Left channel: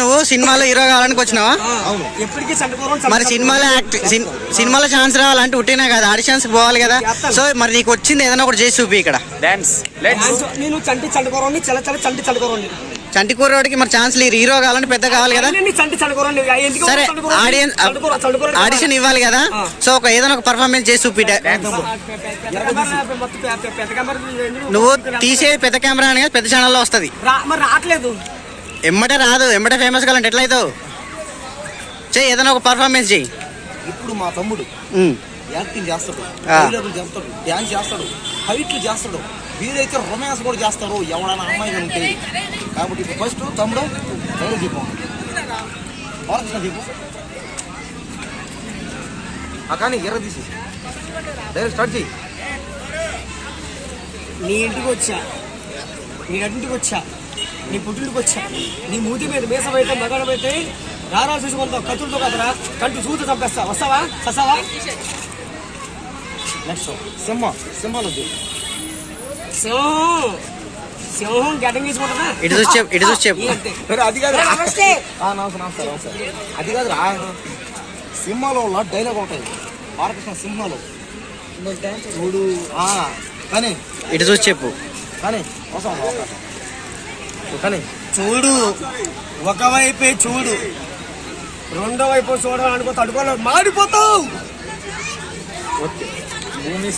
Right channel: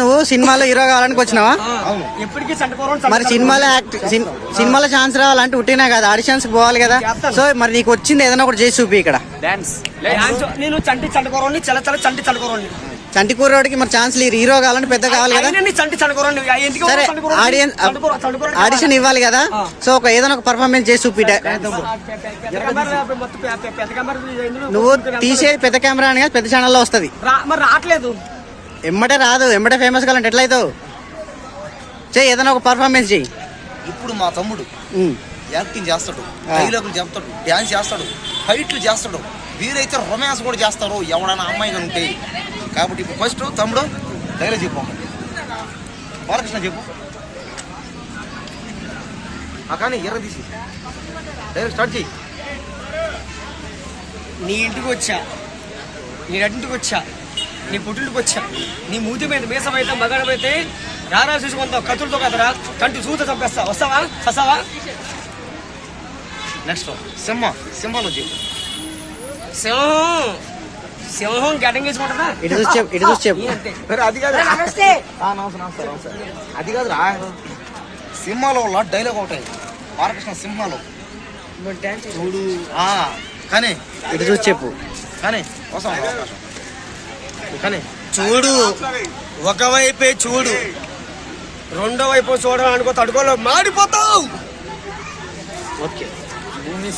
నువ్వు సినిమాలో హీరో కావాలని వచ్చినావా? మరి సినిమాలో ఛాన్స్ రావాలంటే ఉట్టినా కదా, ఆడిషన్స్ పోవాలి కదా. సో మరి నీకు వచ్చింది ఏదైనా ఒకటి చేసి చూపి ఇక్కడ. చంటి కూరవాడికి మరి ఛాన్స్ లేదు, హీరో కావాలంటే పెద్ద కావాలి కదా. సరే ఆడిషన్ ఇవ్వాలి కదా, సో ఏదైనా ఒక పర్ఫార్మెన్స్ చేసి చూపి. నువ్వు తీసే పెద్ద కెమెరా అని పెద్ద ఛానల్లో వస్తుంది, ఎమ్మటే రాదు. ఎమ్మటే ఫేమస్ కావాలంటే ఎట్లయితావు? చెయ్యి, ఏదైనా ఒక పర్ఫార్మెన్స్ చెయ్యి. ఇప్పుడు మా తమ్ముడు యాక్టింగ్ చేస్తాడు, డైలాగులు చెప్తాడు, డ్యాన్స్ చేస్తాడు, ఫైట్లు చేస్తాడు, వీరైతే రొమాన్స్ కూడా చేస్తారు ఎవడైనా అమ్మాయిగా ఉంటే. కాబట్టి ఇప్పుడు ఫస్ట్ తమ్ముడు డైలాగ్ చెప్పు, బాలకృష్ణ చెప్పు కానీ ఎర్ర తీసి డైలాగ్ స్టార్ట్ చేయి. నీ ఇంటికి వచ్చా, నీ అడ్డింటికి వచ్చా, నీ పుట్టింటికి వచ్చా, నీ మూతి మీద మీసమైతే మగడమైతే రారా చూసుకుంటావు, కత్తులతో కదరా కంటి చూత చంపేస్తా. వస్తావా? వస్తావా? నెక్స్ట్ సింహాలో చెప్పు. సింహం గడ్డం గీసుకుంటుందా? ఇటు చూసి చెప్పు. అది కాదు, అది కాదు రా. సింహాలో డైలాగ్ ఉంటాయి బాలకృష్ణ సింహాలో చూడు కానీ ఇటు చూసి చెప్పు. కానీ వస్తాం కానీ చూడు, ఒకవైపే చూడు, రెండో వైపు చూడాలనుకో, తడుకోలో మాడిపోతావు.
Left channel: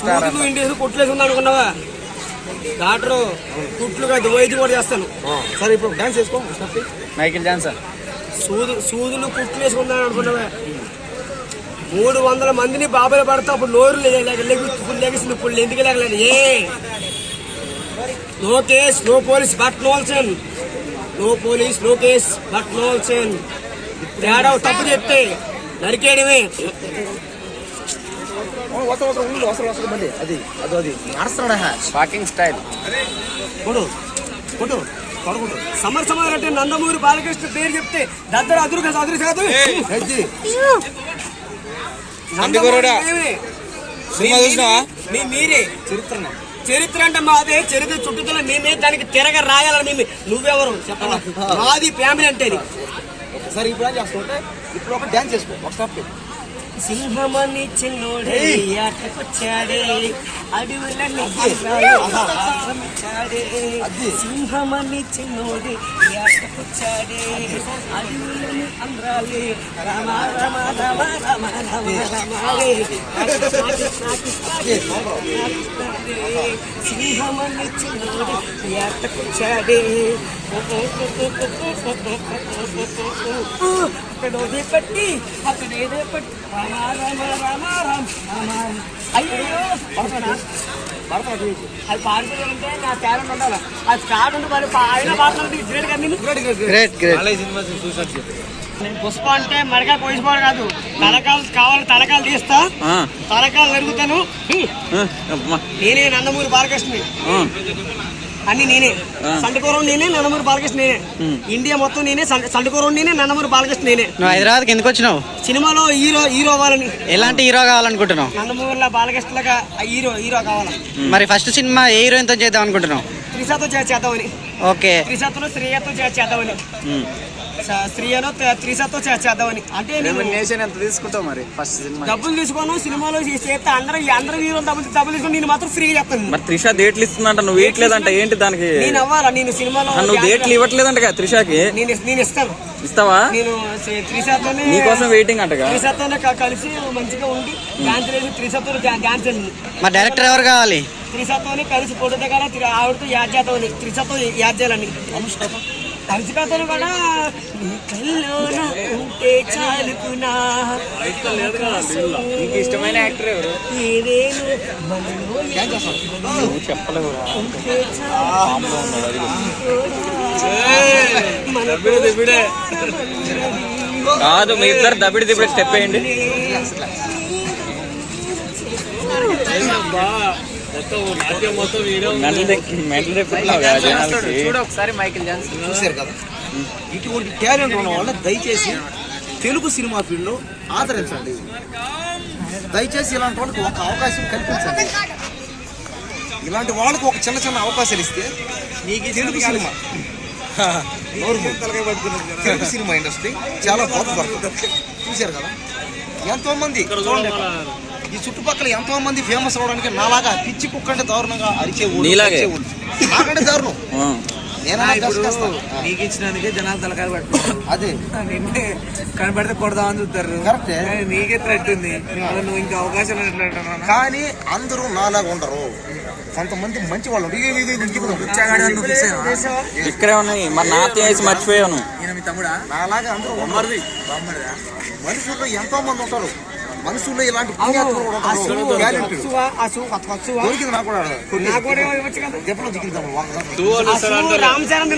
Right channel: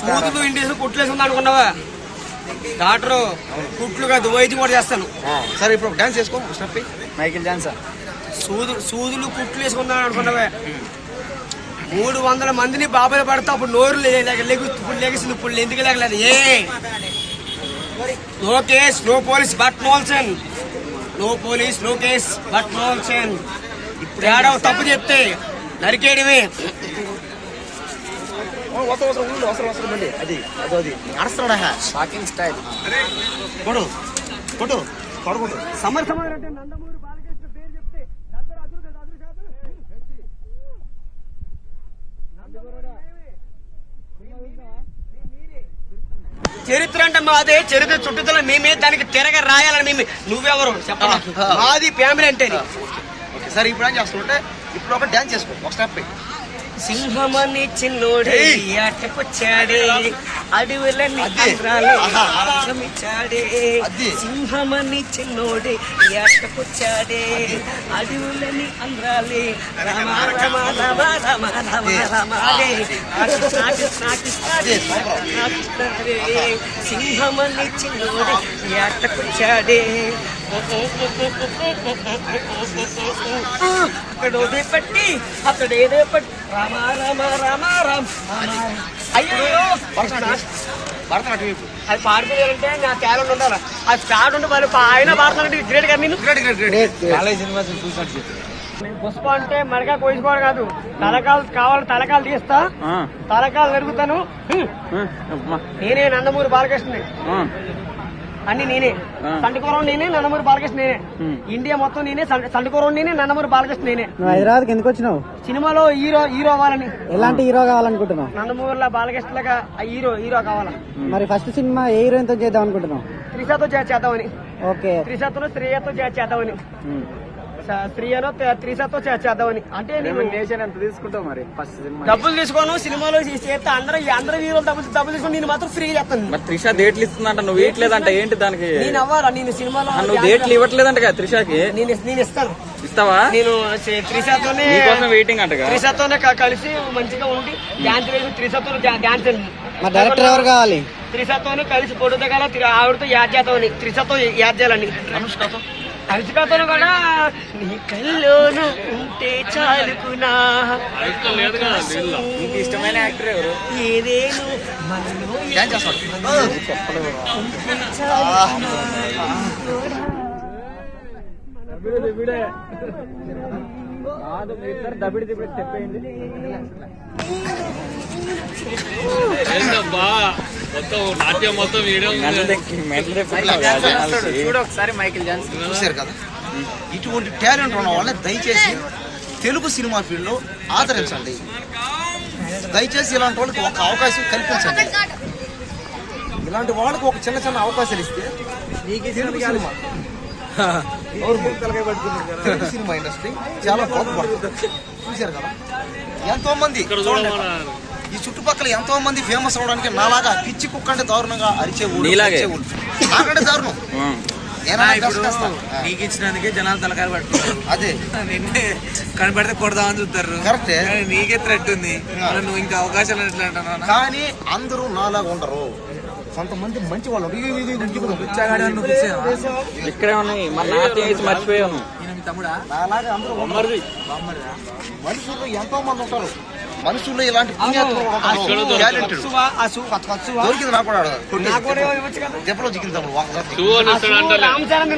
కూతులు ఇంటి కుట్లేసి ఉంది అనుకున్నావా? డాక్టరు కుట్లు కాదు, వైద్యం కూడా చేస్తాను. సరే ఇప్పుడు డాన్స్ చేసుకో. మైకిల్ జాన్సన్ సూదులు కుట్లు వేసుకుందాను అనుకున్నావా? 300 మందిని బాబాయ్ పడతావు. అప్పుడు నోరు లెగిసింది, ఇప్పుడు ఎందుకు లేగలేదు? No case no police but నోల్సన్, no police no case but నోల్సన్. ఇప్పుడు ఏడావు తప్పు చెప్తే నరికేయడమే. సమర్ అంటే నందమూరి బాలకృష్ణ పేరు చెప్తే దగ్గర అదురు కాదు. మీరే చరిత్ర అంటే మాదే, చరిత్ర చుట్టుదల మేమే, దానికి తిరగ రాయాలని మేము. నువ్వెవరు చెప్పాలి? మాది ఫ్యామిలీ అంటే. సరే ఇప్పుడు ఏం చేస్తుంటే ఇప్పుడు ఒక డాన్స్ చేసుకో, ఒక స్టెప్. సింహమని చిన్నోడే ఆటకొచ్చాడే, అడవులని సింహమని చిన్నోడే ఆటకొచ్చాడే, అడవులని అమ్రాలే రమ రమ రమ రమ రమ రమాడే. సింహమని చిన్నోడే ఆటకొచ్చాడే, అక్కడ పట్టి అక్కడ ఏదో పట్టి రామ రామ రామ రామ. అయ్యో భరతనాట్యం అది పాడిపోయారంటే నా టాలెంట్ ఉండాలి. అది స్టార్ట్ ఉంటే మరి ఆయన భారతనాట్యం గ్రేట్ కదా. నేను పుష్ప అంటే మరగా కోసుకోవడం కాదు, తలకాలు కావాలి, తలకాలు తీస్తా, తలకాలు నరుగుతాను. నేనే నందమూరి బాలకృష్ణని, అన్ని నేనే. సంటకూరం నేనే, నందమూరి బాలకృష్ణ నేనే. ఇండియా మొత్తం నేనే, సంటకూరం నేనే, నందమూరి బాలకృష్ణ నేనే. నువ్వు హైదరాబాద్కి ఎందుకు వచ్చినావు? సినిమాలో హీరో అవ్వాలని. ఎలాంటి హీరో కావాలనుకుంటున్నావు? నందమూరిలో బాలకృష్ణలాగా హీరో కావాలా. మరి ఫస్ట్ సినిమా ఏ హీరోయిన్ తో చేద్దాం అనుకుంటున్నావు? త్రిషతో చేద్దామని. ఓకే, త్రిషతో శ్రేయతో చేద్దామని. శ్రీయనో త్రిషతో చేద్దామని. అంటే నేను ఎంత తీసుకుంటావు మరి? ఫస్ట్ డబ్బులు తీసుకోను, సినిమాలో చేస్తే అందరూ హీరోలు డబ్బులు తీసుకుని నేను మాత్రం ఫ్రీగా చెప్తాను. త్రిష డేట్లు ఇస్తుందంట, నువ్వు ఇవ్వట్లేదంట, ఏంటి దానికి? నేను అవ్వాలా? నేను సినిమాలో డేట్లు ఇవ్వట్లేదంట త్రిషకి. నేను ఇస్తాను. ఇస్తావా? నేను త్రిషతోనే నీకోసం వెయిటింగ్ అంట. త్రిషతోనే కలిసి మంచిగా ఉండి డాన్స్ లేదు, త్రిషతో డాన్స్ అండి. మా డైరెక్టర్ ఎవరు కావాలి? త్రిషతోనే కలిసి ఫోటో దిగాల, ఆవిడతో యాడ్ చేద్దామని. త్రిషతో యాడ్ చేయాలని. అనుష్కతో కూడా నీ కల్లోన ఉంటే చాలుకున్నా. ఇష్టమైన యాక్టర్ ఎవరు? కాదు, మీ ఇద్దరు దబిడి స్టెప్ వేయండి. నాట్యం మొత్తం ఒకసారి మైకిల్ జాన్సన్ చూశారు కదా. ఇటువంటి టాలెంట్ ఉన్న వాళ్ళని దయచేసి తెలుగు సినిమా ఫీల్డ్లో ఆదరించండి. దయచేసి ఇలాంటి వాళ్ళకి ఒక అవకాశం కల్పించండి. ఇలాంటి వాళ్ళకి ఒక చిన్న అవకాశాలు ఇస్తే Telugu cinema Telugu cinema industry చాలా బాగుపడుతుంది. చూశారు కదా, ఎంతో మంది చూడండి, ఈ చుట్టుపక్కల ఎంతో మంది ఫేమస్ అవడానికి నాలాగా పిచ్చి కుక్కంటే దారుణంగా అరిచేవాళ్ళు నాకంటే దారుణం. ఇప్పుడు నీకు ఇచ్చినందుకే జనాలు తలకాయలు పట్టుకున్నారు. అదే నిన్నే కనపడితే కొడదామని చూస్తారు. కరెక్టే. కానీ నీకే థ్రెట్ ఉంది. నువ్వు ఇంకా అవకాశాలు ఎట్లా అంటున్నావు? కానీ అందరూ నాలాగా ఉండరు. కొంతమంది మంచి వాళ్ళు ఇక్కడే ఉన్నాయి. మరి నాతో వేసి మర్చిపోయాను. ఈయన మీ తమ్ముడా? నాలాగా అందరూ ఉండరు. బామ్మడిదా? మనుషుల్లో ఎంతో మంది ఉంటారు. మనుషుల్లో ఇలాంటి పుణ్యాత్ములు కూడా ఉంటారు. టాలెంటెడ్. దొరికింది నాకు కూడా దెబ్బలో చిక్కింది తమ్ముడు. రామ్ చరణ్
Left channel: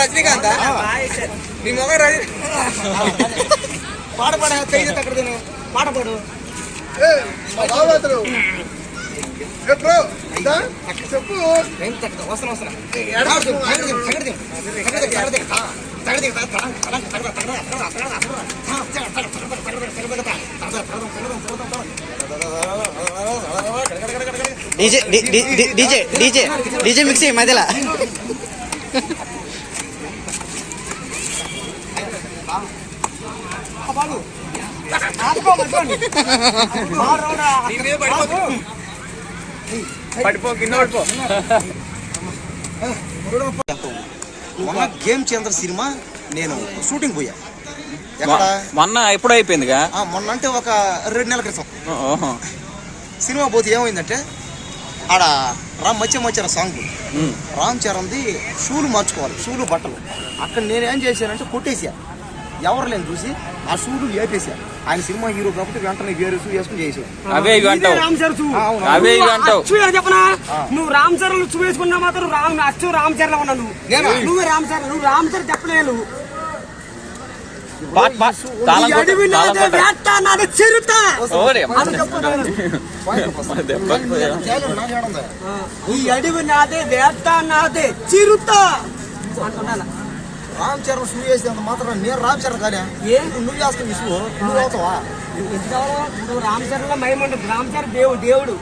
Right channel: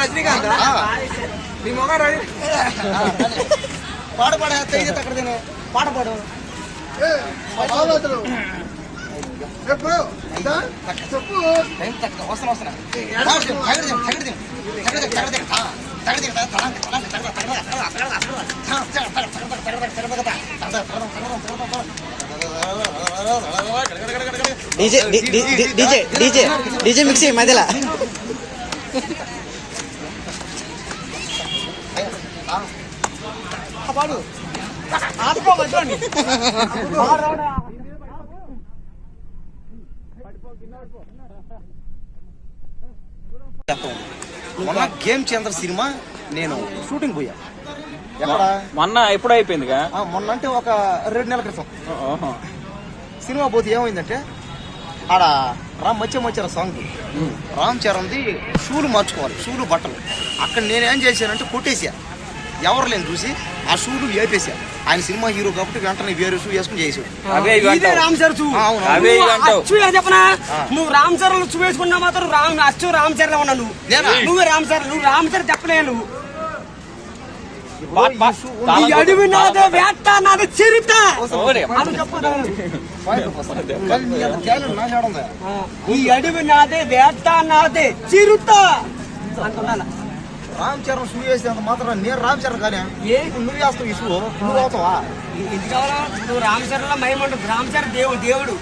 రజనీకాంత్ నీ మొగ పాట పాడు DJ DJ DJ DJ mixie మధ్యలో పడిపో కింద పడిపో. మొన్న గేమ్ చేంద్ర సినిమా నేను షూటింగ్ పోయా. ఎక్కడ మొన్న ఎప్పుడు అయిపోయిందిగా? మొన్న అంటే ఒక 2 నెలల క్రితం సినిమా పోతే ఏమైందంటే ఆడ మధ్య సాంగ్ రామ్ చరణ్ది షూలు మార్చుకోవాలి, షూలు బట్టలు. అక్కడ నేనేం చేశానంటే కొట్టేసా, ఎవరు లేని చూసి ఆ షూలు వేపేసా. ఆయన సినిమా హీరో కాబట్టి వెంటనే వేరే షూ వేసుకుని చేసాడు. నువ్వు రామ్ చరణ్ షూ వేసుకున్నా మాత్రం రామ్ చరణ్ ఉన్నా నువ్వు రామ్ చరణ్, నువ్వు రామ్ చరణ్ చెప్పలే. నువ్వు అడవి నాదే వేట నాదే చిరుత అది చెప్పు. ఈ అడవి నాదే వేట నాదే చిరుత అంటున్నా. రామ్ చరణ్ షూ వేసేంత మాత్రం నేను రామ్ చరణ్ కానీ నువ్వు వేస్తావు ఈ షూ, నువ్వు అవుతావా? నువ్వు రామ్ చరణ్ లో మహిమ ఉంటుంది. రామ్ చరణ్ దేవుడు.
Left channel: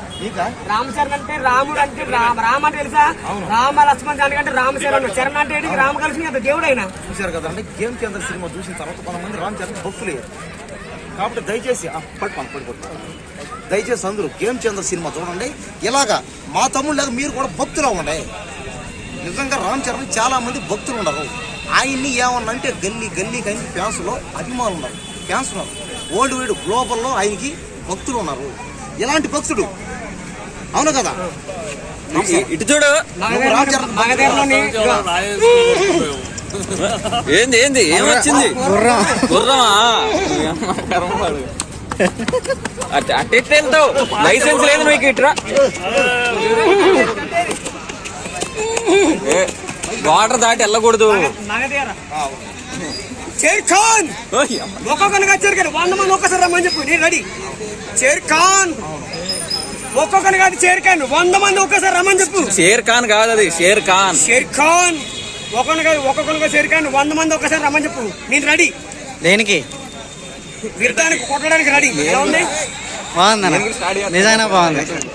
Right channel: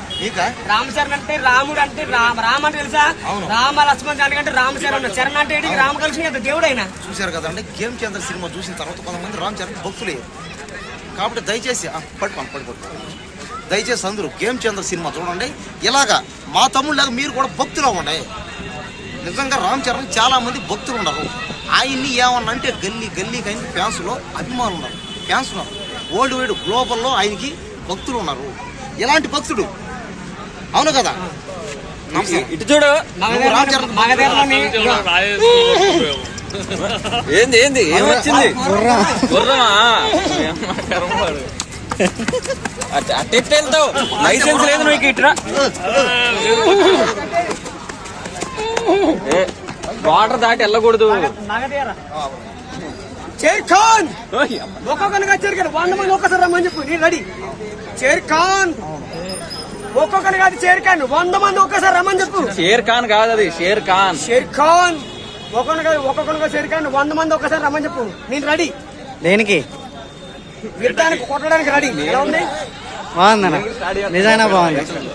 రామ్ చరణ్ అంటే రాముడు అంటే రామ్ అంటే తెలుసా? రామ లక్ష్మణ్ అంటే రామ్ చరణ్. చరణ్ అంటే రామ కలిసి దేవుడు అయినా. చూశారు కదా అంటే గేమ్ చంద్ర సినిమా చూసిన తర్వాత కొంతమంది రామ్ చరణ్ భక్తులే. కాబట్టి దయచేసి పడిపోతారు. దయచేసి అందరూ గేమ్ చంద్ర సినిమా చూడండి. ఇలాగా మా తమ్ముడు లాగా మీరు కూడా భక్తులు అవ్వండి. నిజంగా రామ్ చరణ్ చాలా మంది భక్తులు ఉన్నారు. ఆయన్ని ఏమన్నా అంటే గల్లీ కానీ ఫ్యాన్స్ లో అభిమానులు ఉన్నారు, ఫ్యాన్స్ ఉన్నారు. వరల్డ్ వైడ్ గ్లోబల్లో ఆయనకి భక్తులు ఉన్నారు. ఎలాంటి భక్తుడు, అవును కదా? ఇటు చూడు. రామ్ చరణ్ ఏంది ఏమొచ్చింది? అట్టెళ్తావు, లైసెన్స్ లేదు మీకు. ఇట్రా వాటర్ దాటి వెళ్ళకూడదు. షేర్ ఖాన్ ఒక్కొక్కరిగా చేరికాను 100 మంది ఒక్కసారి రమ్మని చెప్పు. నేను రెడీ. షేర్ ఖాన్ ఒక్కొక్కరి కాదు చేరికాను 100 మంది ఒక్కసారి రమ్మని చెప్పు. షేర్ ఖాన్ కాదు అది, షేర్ ఖాన్. షేర్ ఖాన్ ఒక్కొక్కరిగా చేరికాను 100 మంది ఒక్కసారి రమ్మని చెప్పు. నేను రెడీ. దేనికి? విడతానికి కొట్టడానికి రెడీ. ఎలా ఉంది? బాగుందన్న, నిజంగా బాగుంది.